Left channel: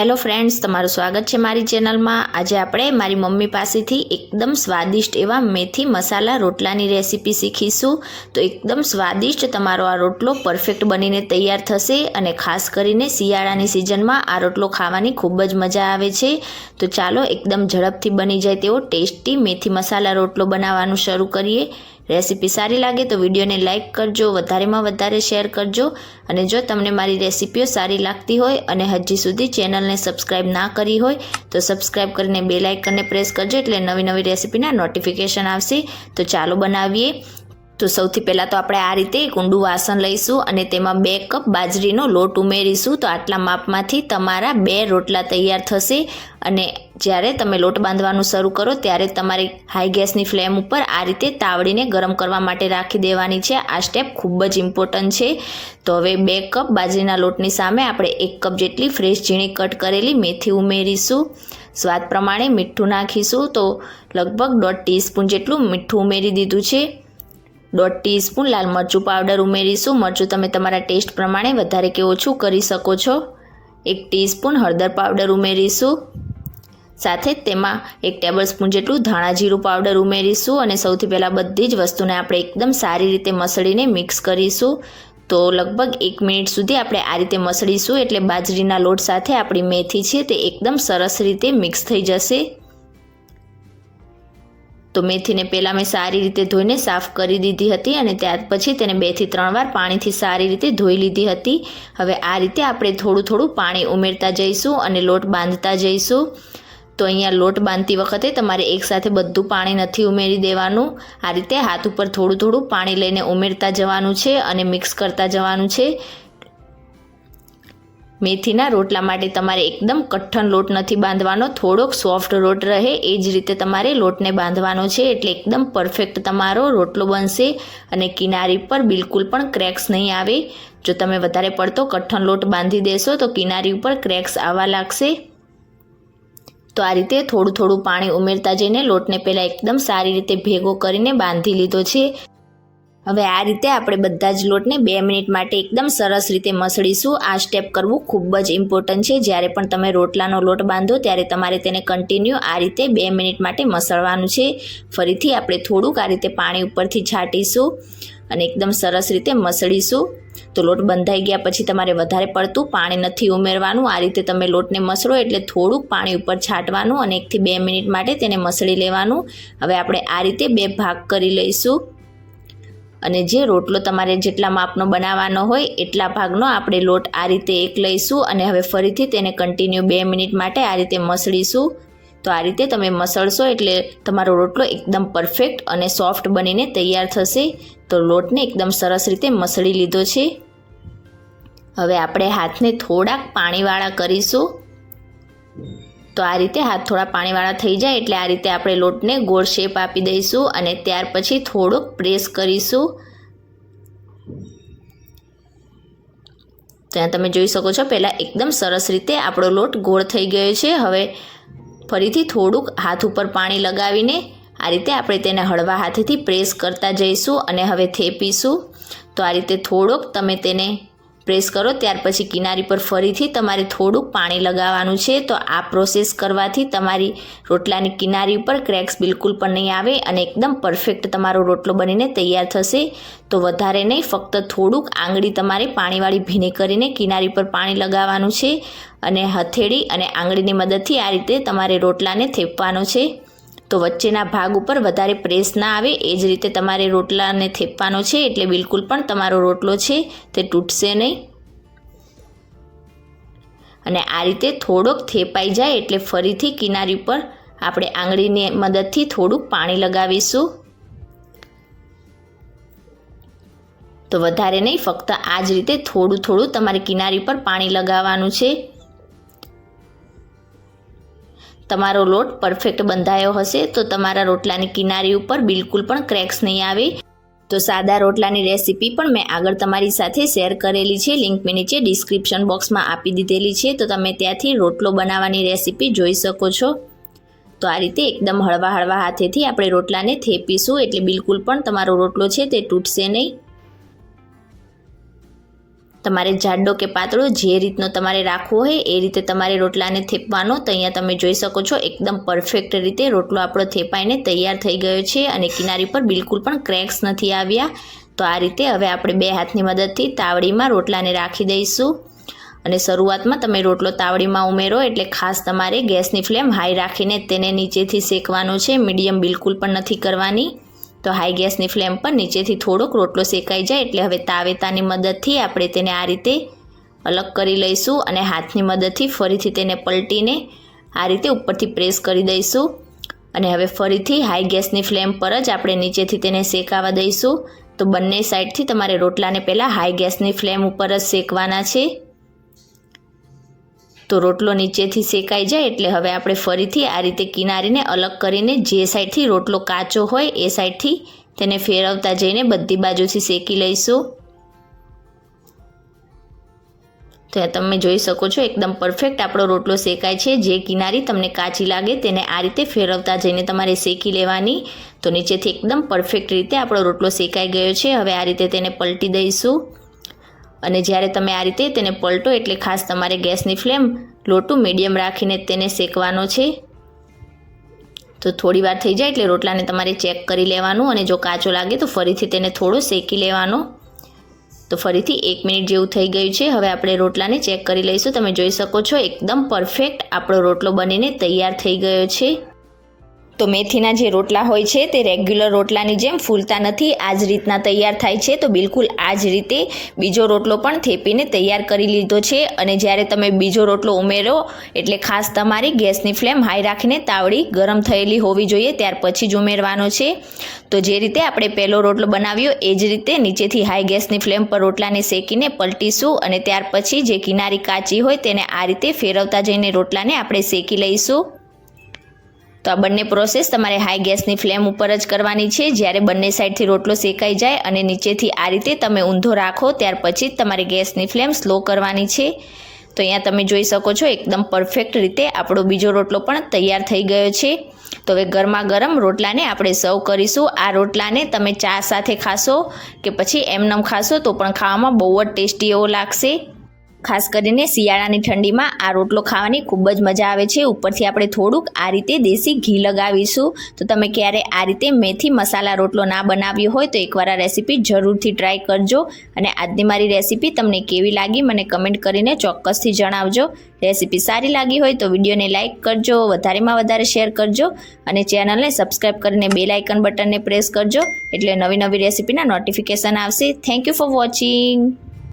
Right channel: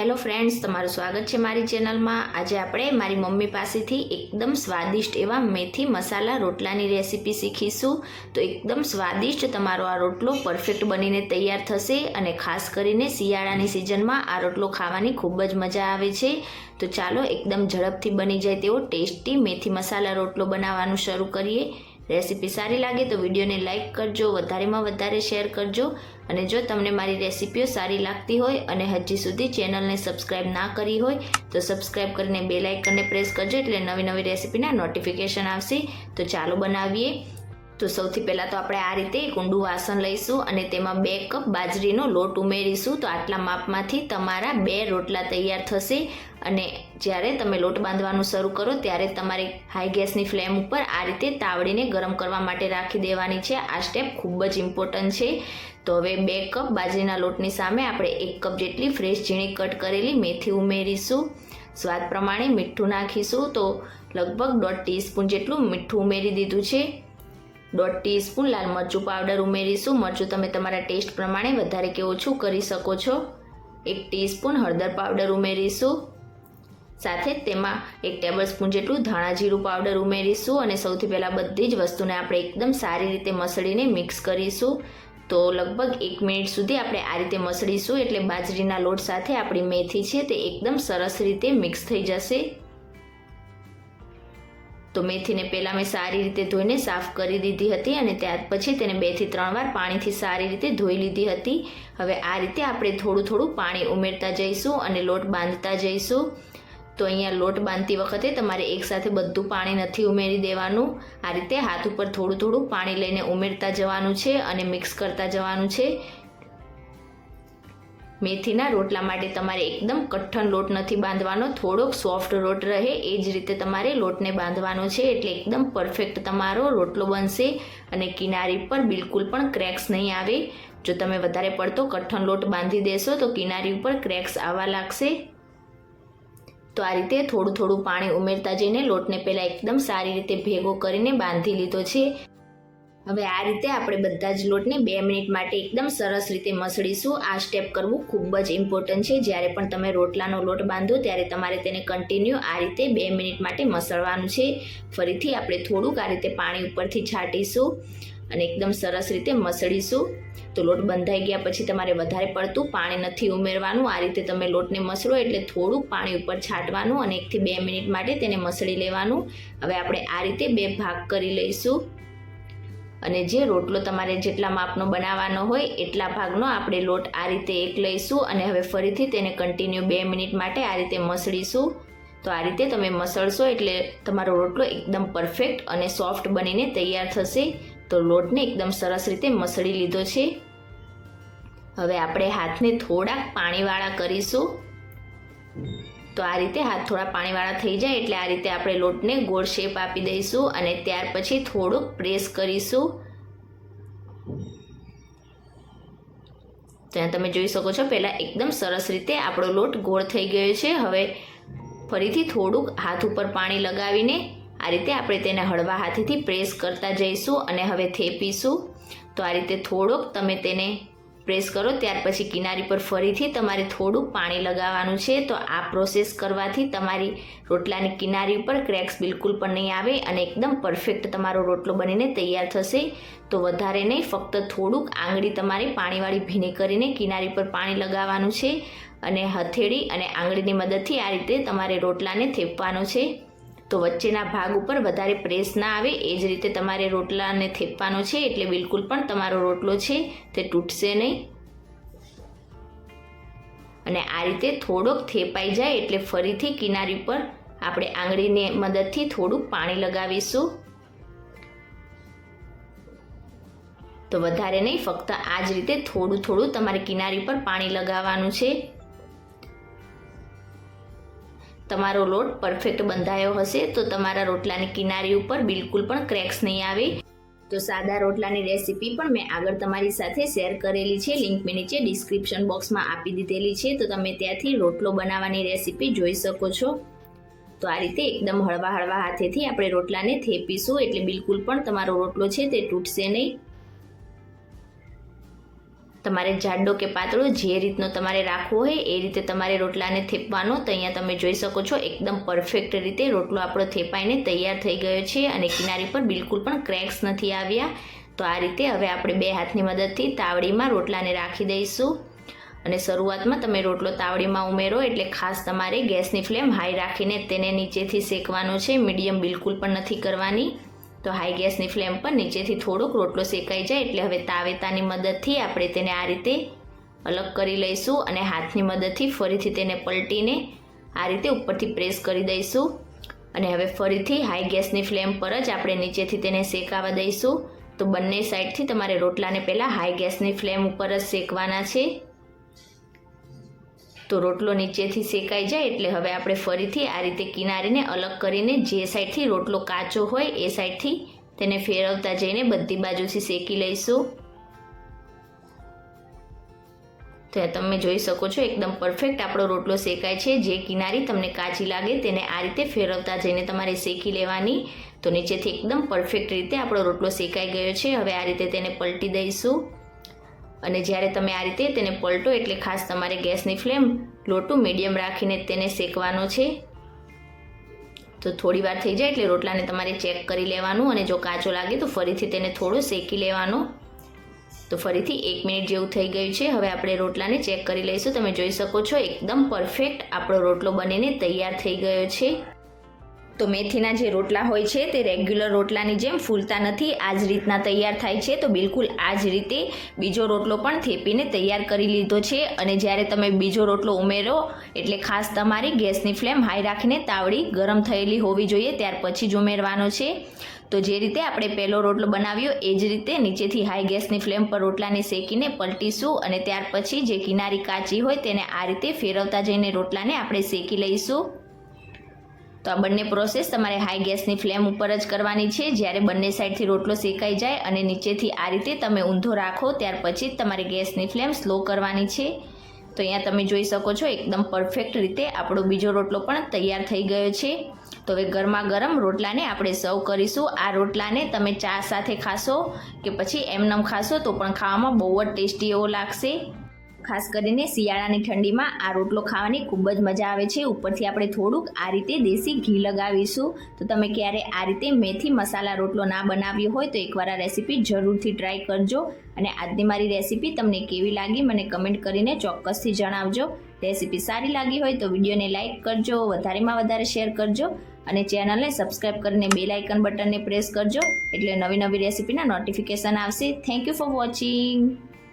Hello friends તમારું સ્વાગત છે મારી ચેનલમાં. આજે આપણે મારી મમ્મી પાસેથી એકદમ સ્વાદિષ્ટ એવા મેથી મસાલા રોટલાની રેસીપી શીખીશું. તો એકદમ સ્વાદિષ્ટ તમારો આ રોટલો પરફેક્ટ બનીને તૈયાર થશે અને ખાસ કરીને શિયાળાની સિઝનમાં આ રોટલો ખાવાની ખૂબ જ મજા આવે છે. તો ચાલો એકદમ ઝડપથી બની જાય તેવો ટેસ્ટી મેથી મસાલા રોટલો બનાવવાનું શરૂ કરીએ. રેસીપી સારી લાગે તો વિડીયોને લાઇક કરજો, વધારેમાં વધારે શેર કરજો અને જો તમને મારી રેસીપીઓ સારી લાગતી હોય અને હજી સુધી ચેનલને સબસ્ક્રાઇબ ના કરી હોય તો સબસ્ક્રાઇબ કરીને બે લાઇકનને પ્રેસ કરજો એટલે નવી નવી રેસીપીના નોટિફિકેશન આવશે. તો ચાલો બનાવીએ. તો સૌથી પહેલાં તો આપણે આ રીતે એક ઊંડું વાસણ લઈશું અને તેમાં બે કપ બાજરીનો લોટ ઉમેરીશું. તો આટલા માપમાંથી તમારા બે રોટલા તૈયાર થશે અને જ્યારે તમે લોટ બાંધવાનું શરૂ કરો ત્યારે તમારે હાઈ ગેસની ફ્લેમ ઉપર આ રીતે તાવડીને ગરમ કરવા માટે રાખી દેવાની છે. આ સ્ટેપ ખૂબ જ ઇમ્પોર્ટન્ટ છે. તો હવે બે કપ બાજરીના લોટની સામે આપણે એક કપ જેટલી ફ્રેશ ઝીણી કટ કરેલી મેથી ઉમેરીશું. સ્વાદ પ્રમાણે મીઠું નાખીશું. તો લગભગ દોઢ ટીસ્પૂન જેટલું મીઠું ઉમેરી દીધું છે. દોઢ ટીસ્પૂન લાલ મરચું પાવડર ઉમેરીશું. મરચું તમે તમારા ટેસ્ટ પ્રમાણે વધારે કે ઓછું કરી શકો છો. એક ટીસ્પૂન હળદર પાવડર ઉમેરીશું. સાથે જ તેમાં એક ટેબલ સ્પૂન જેટલું ધાણા જીરું પાવડર ઉમેરીશું અને સૌથી પહેલાં બધી જ વસ્તુને આપણે એકદમ સારી રીતે મસળીને મિક્સ કરીશું. તો લગભગ એક મિનિટ સુધી આપણે આ રીતે મસળીશું એટલે બાજરીના લોટ સાથે આપણી મેથી છે તે એકદમ સરસ રીતે મિક્સ થઈ જશે. તો મેથીને પહેલાં મેં સારી રીતે ધોઈને સાફ કરી દીધી હતી અને ત્યાર પછી તેને બેથી ત્રણ વાર પાણીથી સારી રીતે ધોઈ લીધી હતી. હવે આ રીતે આપણે થોડું થોડું પાણી ઉમેરતા જઈશું અને લોટ બાંધતા જઈશું. તો અહીંયા લોટ બાંધતી વખતે તમારે એકસાથે બધું પાણી નથી ઉમેરી દેવાનું. આ રીતે હાથ ઉપર થોડું થોડું પાણી લઈને ઉમેરતા જવાનું છે અને મિક્સ કરતા જવાનું છે. મેથીના રોટલા માટે તમારે એકદમ કઠણ લોટ નથી બાંધવાનો, થોડોક સોફ્ટ લોટ રહે, એ જ રીતે તમારે લોટને બાંધવાનો છે, એટલે એકદમ પરફેક્ટ તમારો રોટલો બનશે અને કિનારી પર બિલકુલ પણ ક્રેક્સ નહીં આવે. જો તમે વધારે પડતો કઠણ લોટ બાંધી દેશો, તો કિનારી ઉપર ક્રેક્સ આવવા લાગશે. તો આ રીતે થોડું થોડું પાણી ઉમેરતા જઈને લોટને પહેલાં એકદમ સારી રીતે ભેગો કરીને બાંધી લીધો છે. હવે આ રીતે આપણે બધા જ લોટને બે મિનિટ માટે એકદમ સરસ રીતે મસળીશું. આ સ્ટેપ કરવું ખૂબ જ ઇમ્પોર્ટન્ટ છે. જ્યારે પણ તમે રોટલાનો લોટ બાંધો, ત્યારે તમારે તેને કન્ટિન્યુ આ રીતે બે મિનિટ માટે મસળવાનું છે. ફરીથી આપણે થોડુંક આ રીતે પાણી ઉપરથી છાંટીશું અને એકદમ સરસ રીતે મસળીશું. તો લોટ બંધાઈ ગયા પછી તમારે વધારે પડતું પાણી નથી ઉમેરવાનું. આ રીતે તમે લોટને મસળો એટલે થોડુંક પાણી ઉપર છાંટવાનું અને એકથી બે મિનિટ માટે તેને મસળી લેવાનું. હવે આપણે આ રીતે બે ભાગ કરી લઈશું. અને જે રોટલો તમારે જેટલા માપનો બનાવવાનો હોય એટલા ભાગનો આપણે લોટ આ રીતે એક લઈશું અને હવે ફરીથી તેને કન્ટિન્યુ બે મિનિટ માટે આ રીતે મસળીશું. તો આ રીતે તમે મસળશો એટલે તમારો રોટલો એકદમ પરફેક્ટ અને સોફ્ટ બનીને તૈયાર થશે. તો લોટને એકદમ સરસ રીતે મસળી લીધો છે. હવે આપણે હાથને થોડાક પાણીવાળા કરીશું. તો આ રીતે હાથ થોડા પાણીવાળા થઈ જાય એટલે આ રીતે આપણે લોટને ગોળ શેપ આપી દઈશું અને ત્યાર પછી થોડોક પ્રેસ કરીશું. ત્યાં તમે જોઈ શકો છો, પહેલાં એકદમ સરસ રીતે આપણો લોટ ગોળ થઈ ગયો છે. હવે ફરીથી થોડુંક હાથ ઉપર પાણી લગાવીને આ રીતે આપણે તેને હળવા હાથેથી પ્રેસ કરતા જઈશું અને હવે થેપીશું. તો આ રીતે થોડોક તમે તેને પ્રેસ કરો, ત્યાર પછી કિનારી પર ફરીથી તમારે થોડુંક પાણી લગાવવાનું છે, તો આ પ્રોસેસ કરવાથી તમારી રોટલાની કિનારી ઉપર ક્રેક્સ બિલકુલ પણ નહીં આવે અને એકદમ પરફેક્ટ તમારો રોટલો બનીને તૈયાર થશે. તો વધારે નહીં, ફક્ત થોડુંક આંગળી તમારે પાણીવાળી ભીની કરીને કિનારી પર પાણી લગાવવાનું છે અને હથેળી અને આંગળીની મદદથી આ રીતે તમારે રોટલાને થેપવાનો છે. તો વચ્ચેના ભાગ ઉપર વધારે પ્રેસ ના આવે. એ જ રીતે તમારે રોટલાને થેપવાનો છે એટલે બિલકુલ પણ તમારો રોટલો છે તે તૂટશે નહીં. અને આ રીતે થોડોક થેપાઈ જાય એટલે ફરીથી કિનારી પર આપણે આંગળીની મદદથી થોડું પાણી લગાવીશું. તો વધારે નહીં, ફક્ત આ જ રીતે થોડું થોડું તમારે કિનારી પર પાણી લગાવવાનું છે. તમારો લોટ પરફેક્ટ બંધાયો હશે, તો તમારા રોટલાની કિનારી ઉપર બિલકુલ પણ ક્રેક્સ નહીં આવે. તો સાદા રોટલાની રેસીપી પણ મેં આગળ તમારી સાથે શેર કરેલી છે લિંક મેં નીચે ડિસ્ક્રિપ્શન બોક્સમાં આપી દીધેલી છે, તો તમે ત્યાંથી રોટલો બનાવવાની રેસીપી જોઈ શકો છો. તો આ રીતે એકદમ હળવા હળવા હાથેથી આપણે રોટલાને થેપીશું, એટલે બિલકુલ પણ તમારો રોટલો છે તે તૂટશે નહીં. તમારે જાડો કે પાતળો જે રીતનો તમારે રાખવો હોય એ રીતે તમારે રોટલાને થેપવાનો. તો અહીંયા તમે જોઈ શકો છો, એકદમ પરફેક્ટ રીતે રોટલો આપણો થેપાઈને તૈયાર થઈ ગયો છે અને કિનારી પર બિલકુલ પણ ક્રેક્સ નથી આવ્યા. તો આ રીતે હવે આપણે બે હાથની મદદથી તાવડીમાં રોટલાને રાખી દઈશું. અને શરૂઆતમાં તમે રોટલો તાવડીમાં ઉમેરો એટલે ખાસ તમારે ગેસની ફ્લેમ હાઈ રાખીને તેને નીચેથી શેકવાનો છે. મીડિયમ બિલકુલ પણ નથી કરવાની. તો હાઈ ગેસની ફ્લેમ પર નીચેથી થોડોક રોટલો શેકાઈ જાય એટલે હવે તાવેતાની મદદથી આપણે તેને આ રીતે અલગ કરી લઈશું અને હાથની મદદથી ફરીથી તેને પલટીને આ રીતે ઉપરથી પ્રેસ કરી દઈશું. અને હવે ફરીથી હાઈ ગેસની ફ્લેમ પર જ આપણે નીચેથી તેને શેકાવા દઈશું. તો બંને સાઈડથી તમારે રોટલાને પહેલાં હાઈ ગેસની ફ્લેમ ઉપર જ શેકવાના છે. તો રોટલો નીચેથી શેકાઈ જાય એટલે હવે આપણે ફરીથી આ રીતે કિનારીને અલગ કરીને જે સાઈડથી રોટલો કાચો હોય એ સાઈડથી તેને ફેરવતા જઈને બધી બાજુથી શેકી લઈશું. તો તમે જોઈ શકો છો, એકદમ પરફેક્ટ આપણો રોટલો શેકાય છે. જે કિનારી તમને કાચી લાગે તેને આ રીતે ફેરવતા જઈને તમારે શેકી લેવાની. તો નીચેથી એકદમ પરફેક્ટ રીતે આપણો રોટલો શેકાઈ ગયો છે. હવે આ રીતે તેને પલટી દઈશું. અને જ્યારે તમે આ રીતે તેને પલટો એટલે ખાસ તમારે ગેસની ફ્લેમ લોટું મીડિયમ રાખીને તેને શેકવાનો છે. તો થોડી વાર થઈ જાય એટલે રોટલાને તમારે ચેક કરી લેવાનું અને જો કાચો લાગે તો ફરીથી તેને થોડો શેકી લેવાનો. તો ફરીથી એક મિનિટ જેવું થઈ ગયું છે. હવે આપણે રોટલાને ચેક કરી લઈશું. તમે જોઈ શકો છો, એકદમ પરફેક્ટ આપણો રોટલો બનીને તૈયાર થઈ ગયો છે. તો મેથીના જે રોટલા હોય છે તે રેગ્યુલર રોટલાની જેમ ફૂલતા નથી આ જ રીતના તૈયાર થાય છે, તો બિલકુલ આ જ રીતે બીજો રોટલો પણ થેપીને તૈયાર કરી લીધો છે. અને જ્યારે તમે બીજો રોટલો ઉમેરો, એટલે ખાસ તમારી ગેસની ફ્લેમ હાઈ રાખીને તાવડી ગરમ થયેલી હોવી જોઈએ, ત્યાર પછી જ ઉમેરવાનો છે. તો જે રીતે આપણે પહેલો રોટલો બનાવ્યો, એ જ રીતે નીચેથી હાઈ ગેસની ફ્લેમ પર રોટલાને શેકીને પલટીશું અને ત્યાર પછી જે કિનારી કાચી હોય તેને આ રીતે ફેરવતા જઈને રોટલાને આપણે શેકી લઈશું. તો આ બંને પ્રોસેસ તમારે હાઈ ગેસની ફ્લેમ ઉપર જ કરવાની છે. જ્યારે બંને સાઈડથી રોટલો શેકાઈ જાય અને નીચેથી આ રીતે તમે ઊંધો રાખો, ત્યાર પછી જ તમારે ગેસની ફ્લેમ સ્લો કરવાની છે. તો અહીંયા તમે જોઈ શકો છો, એકદમ પરફેક્ટ રીતે આપણો બીજો રોટલો પણ તૈયાર થઈ ગયો છે. તો હવે ગરમા ગરમ રોટલાને આપણે સર્વ કરીશું. આ રોટલાને તમે ચા સાથે ખાશો કે પછી એમનમ ખાશો તો પણ ખાવામાં બહુ જ ટેસ્ટી એવો લાગશે. ખાસ કરીને શિયાળાની ઠંડીમાં આ રોટલો ખાવાની ખૂબ જ મજા આવે છે. ઉપરથી આપણે થોડુંક આ રીતે દેશી ઘી લગાવીશું. તો તમે ક્યારે આ રીતે મેથી મસાલા રોટલો ના બનાવ્યો હોય તો એકવાર આ રેસીપી જરૂરથી ટ્રાય કરજો. અને આજની મારી રેસીપી તમને કેવી લાગી મને કમેન્ટ કરીને ચોક્કસથી જણાવજો. રેસીપી સારી લાગી હોય તો વિડીયોને લાઇક કરજો, વધારેમાં વધારે શેર કરજો અને ચેનલને સબસ્ક્રાઈબ કરીને બેલ આઇકન બટનને પ્રેસ કરજો. એટલે નવી નવી રેસીપીના નોટિફિકેશન આવશે. Thank you for watching.